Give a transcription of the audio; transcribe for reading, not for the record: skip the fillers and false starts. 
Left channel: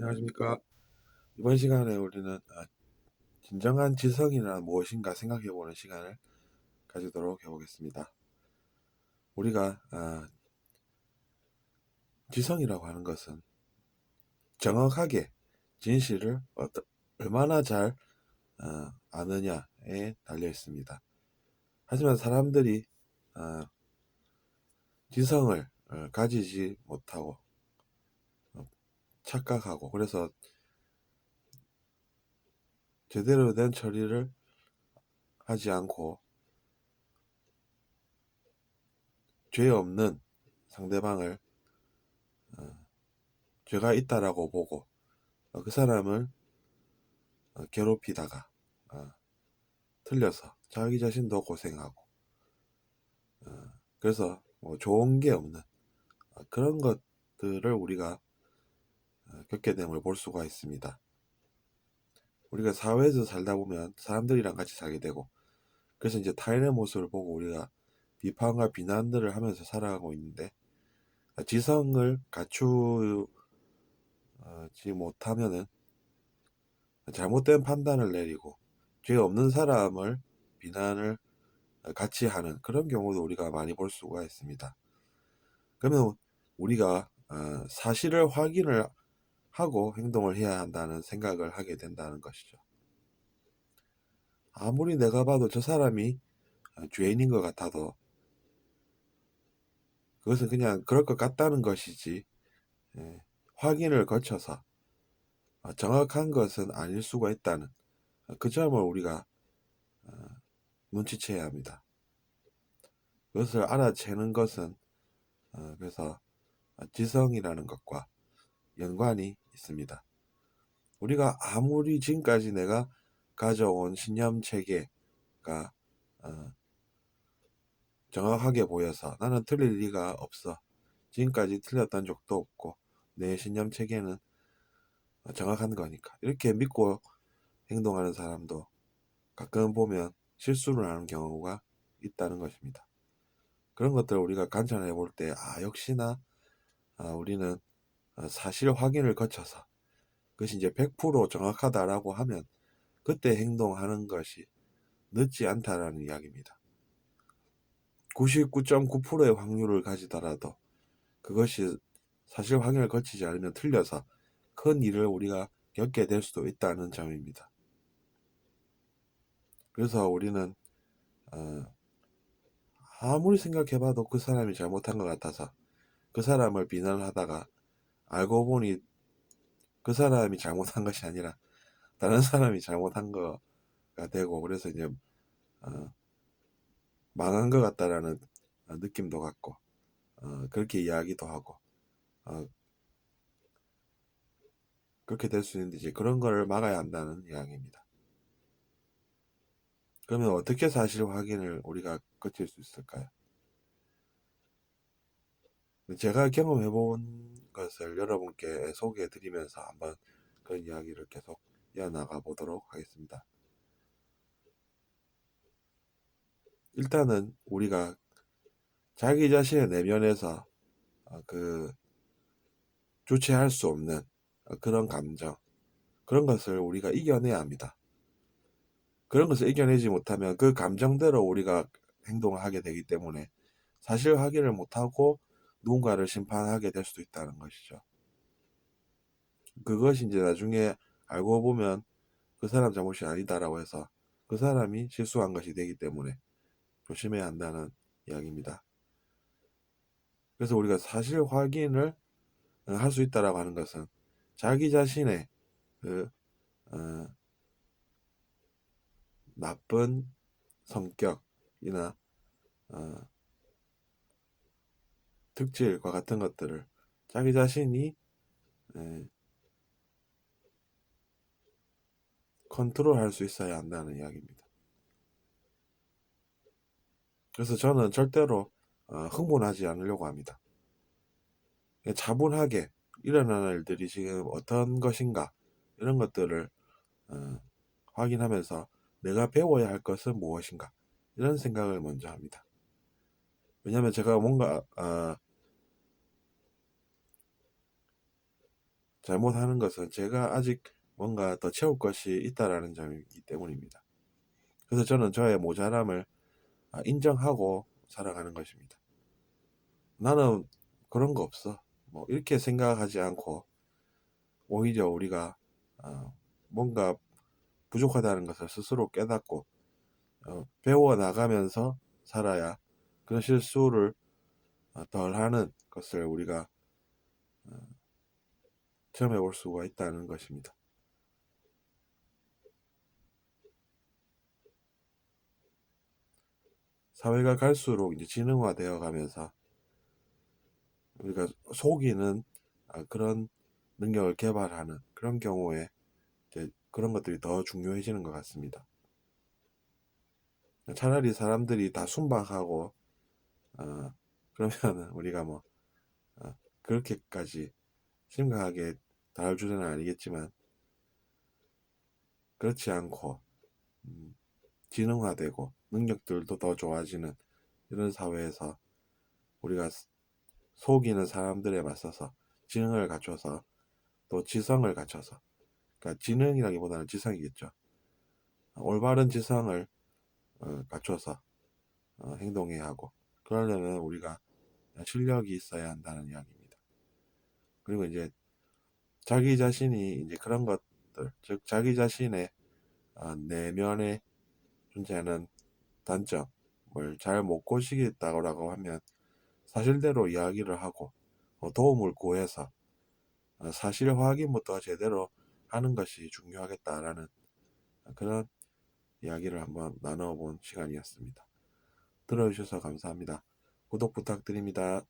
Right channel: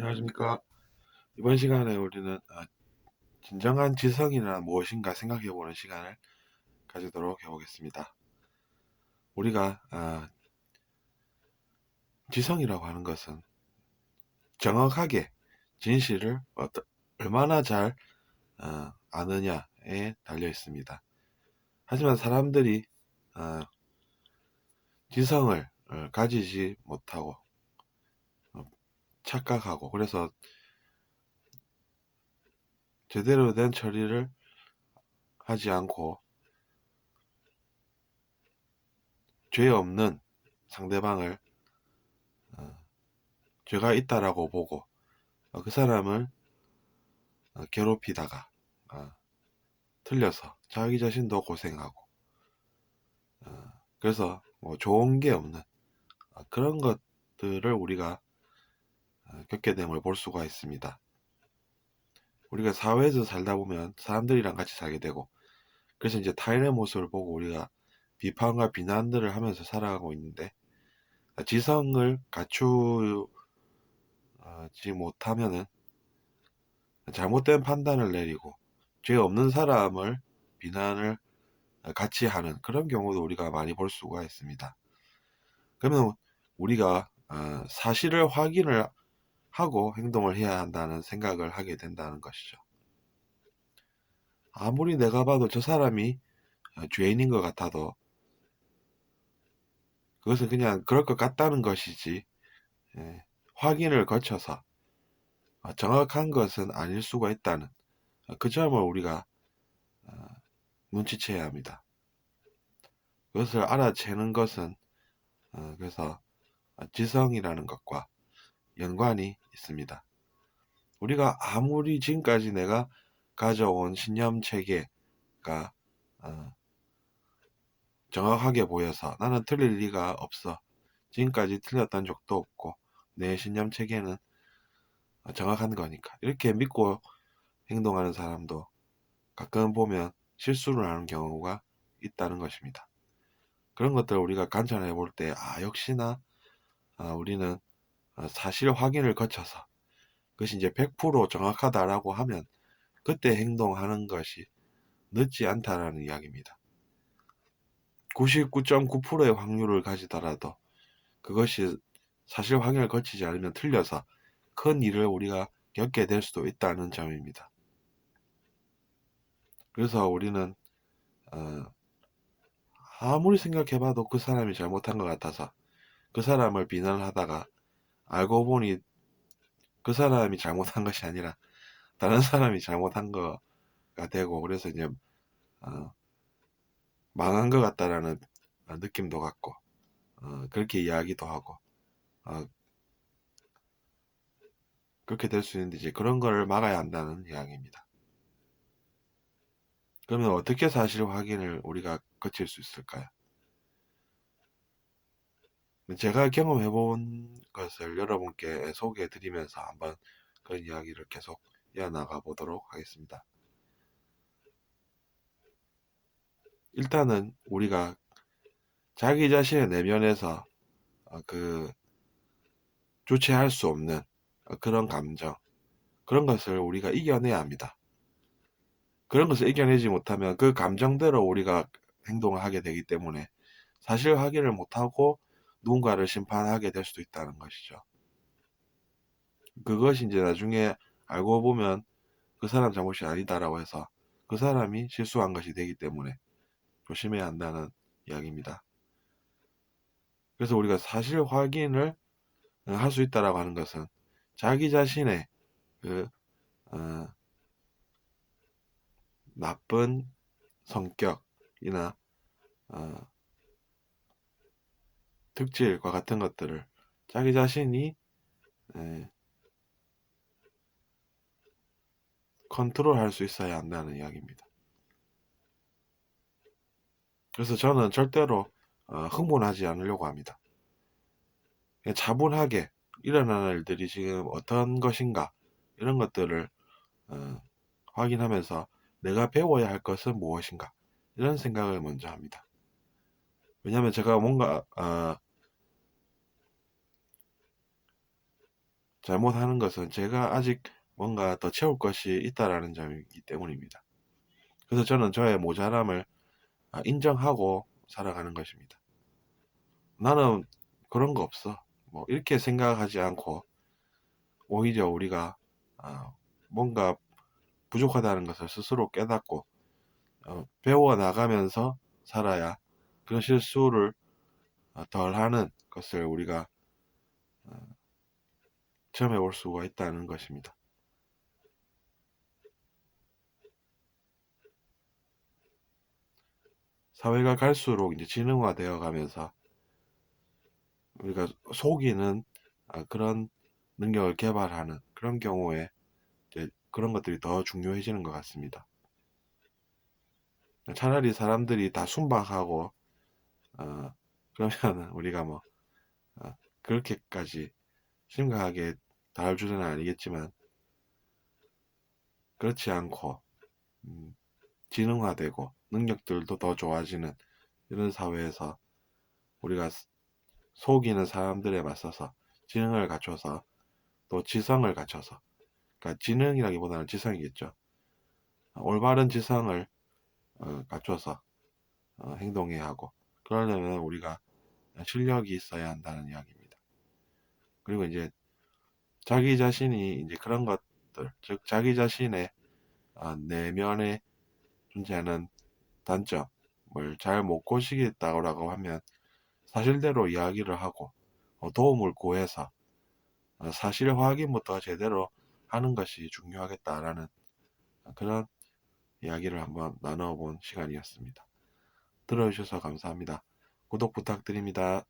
안녕하십니까. 이번 시간에 우리는 진정한 지성이란 무엇인가 생각해보는 시간을 가지도록 해보겠습니다. 우리가 지성이라고 하는 것은 정확하게 진실을 얼마나 잘 아느냐에 달려 있습니다. 하지만 사람들이 지성을 가지지 못하고 착각하고, 그래서 제대로 된 처리를 하지 않고 죄 없는 상대방을 죄가 있다라고 보고 그 사람을 괴롭히다가 틀려서 자기 자신도 고생하고 그래서 뭐 좋은 게 없는 그런 것들을 우리가 겪게 됨을 볼 수가 있습니다. 우리가 사회에서 살다 보면 사람들이랑 같이 살게 되고, 그래서 이제 타인의 모습을 보고 우리가 비판과 비난들을 하면서 살아가고 있는데, 지성을 갖추지 못하면은 잘못된 판단을 내리고 죄 없는 사람을 비난을 같이 하는 그런 경우도 우리가 많이 볼 수가 있습니다. 그러면 우리가 사실을 확인을 하고 행동을 해야 한다는 생각을 하게 된다는 것이죠. 아무리 내가 봐도 저 사람이 죄인인 것 같아도 그것은 그냥 그럴 것 같다는 것이지, 확인을 거쳐서 정확한 것은 아닐 수가 있다는 그 점을 우리가 눈치채야 합니다. 그것을 알아채는 것은 그래서 지성이라는 것과 연관이 있습니다. 우리가 아무리 지금까지 내가 가져온 신념 체계가 정확하게 보여서 나는 틀릴 리가 없어, 지금까지 틀렸던 적도 없고 내 신념 체계는 정확한 거니까, 이렇게 믿고 행동하는 사람도 가끔 보면 실수를 하는 경우가 있다는 것입니다. 그런 것들을 우리가 관찰해 볼 때 역시나 우리는 사실 확인을 거쳐서 그것이 이제 100% 정확하다라고 하면 그때 행동하는 것이 늦지 않다라는 이야기입니다. 99.9%의 확률을 가지더라도 그것이 사실 확인을 거치지 않으면 틀려서 큰 일을 우리가 겪게 될 수도 있다는 점입니다. 그래서 우리는 아무리 생각해봐도 그 사람이 잘못한 것 같아서 그 사람을 비난하다가 알고 보니 그 사람이 잘못한 것이 아니라 다른 사람이 잘못한 거가 되고, 그래서 이제 망한 것 같다라는 느낌도 갖고 그렇게 이야기도 하고 그렇게 될 수 있는데, 이제 그런 거를 막아야 한다는 이야기입니다. 그러면 어떻게 사실 확인을 우리가 거칠 수 있을까요? 제가 경험해 본 것을 여러분께 소개해 드리면서 한번 그런 이야기를 계속 이어나가 보도록 하겠습니다. 일단은 우리가 자기 자신의 내면에서 주체할 수 없는 그런 감정, 그런 것을 우리가 이겨내야 합니다. 그런 것을 이겨내지 못하면 그 감정대로 우리가 행동을 하게 되기 때문에 사실 확인을 못하고 누군가를 심판하게 될 수도 있다는 것이죠. 그것이 이제 나중에 알고 보면 그 사람 잘못이 아니다라고 해서 그 사람이 실수한 것이 되기 때문에 조심해야 한다는 이야기입니다. 그래서 우리가 사실 확인을 할 수 있다라고 하는 것은 자기 자신의 그 나쁜 성격이나 특질과 같은 것들을 자기 자신이 컨트롤할 수 있어야 한다는 이야기입니다. 그래서 저는 절대로 흥분하지 않으려고 합니다. 그냥 차분하게 일어나는 일들이 지금 어떤 것인가, 이런 것들을 확인하면서 내가 배워야 할 것은 무엇인가, 이런 생각을 먼저 합니다. 왜냐하면 제가 뭔가 잘못하는 것은 제가 아직 뭔가 더 채울 것이 있다라는 점이기 때문입니다. 그래서 저는 저의 모자람을 인정하고 살아가는 것입니다. 나는 그런 거 없어. 뭐 이렇게 생각하지 않고 오히려 우리가 뭔가 부족하다는 것을 스스로 깨닫고 배워 나가면서 살아야 그런 실수를 덜 하는 것을 우리가 체험해 볼 수가 있다는 것입니다. 사회가 갈수록 이제 지능화되어 가면서 우리가 속이는 그런 능력을 개발하는 그런 경우에 이제 그런 것들이 더 중요해지는 것 같습니다. 차라리 사람들이 다 순박하고 그러면 우리가 뭐 그렇게까지 심각하게 다룰 줄은 아니겠지만 그렇지 않고 지능화되고 능력들도 더 좋아지는 이런 사회에서 우리가 속이는 사람들에 맞서서 지능을 갖춰서 또 지성을 갖춰서, 그러니까 지능이라기보다는 지성이겠죠. 올바른 지성을 갖춰서 행동해야 하고, 그러려면 우리가 실력이 있어야 한다는 이야기입니다. 그리고 이제 자기 자신이 이제 그런 것들, 즉 자기 자신의 내면에 존재하는 단점을 잘 못 고치겠다고 하면 사실대로 이야기를 하고 도움을 구해서 사실 확인부터 제대로 하는 것이 중요하겠다라는 그런 이야기를 한번 나눠본 시간이었습니다. 들어주셔서 감사합니다. 구독 부탁드립니다.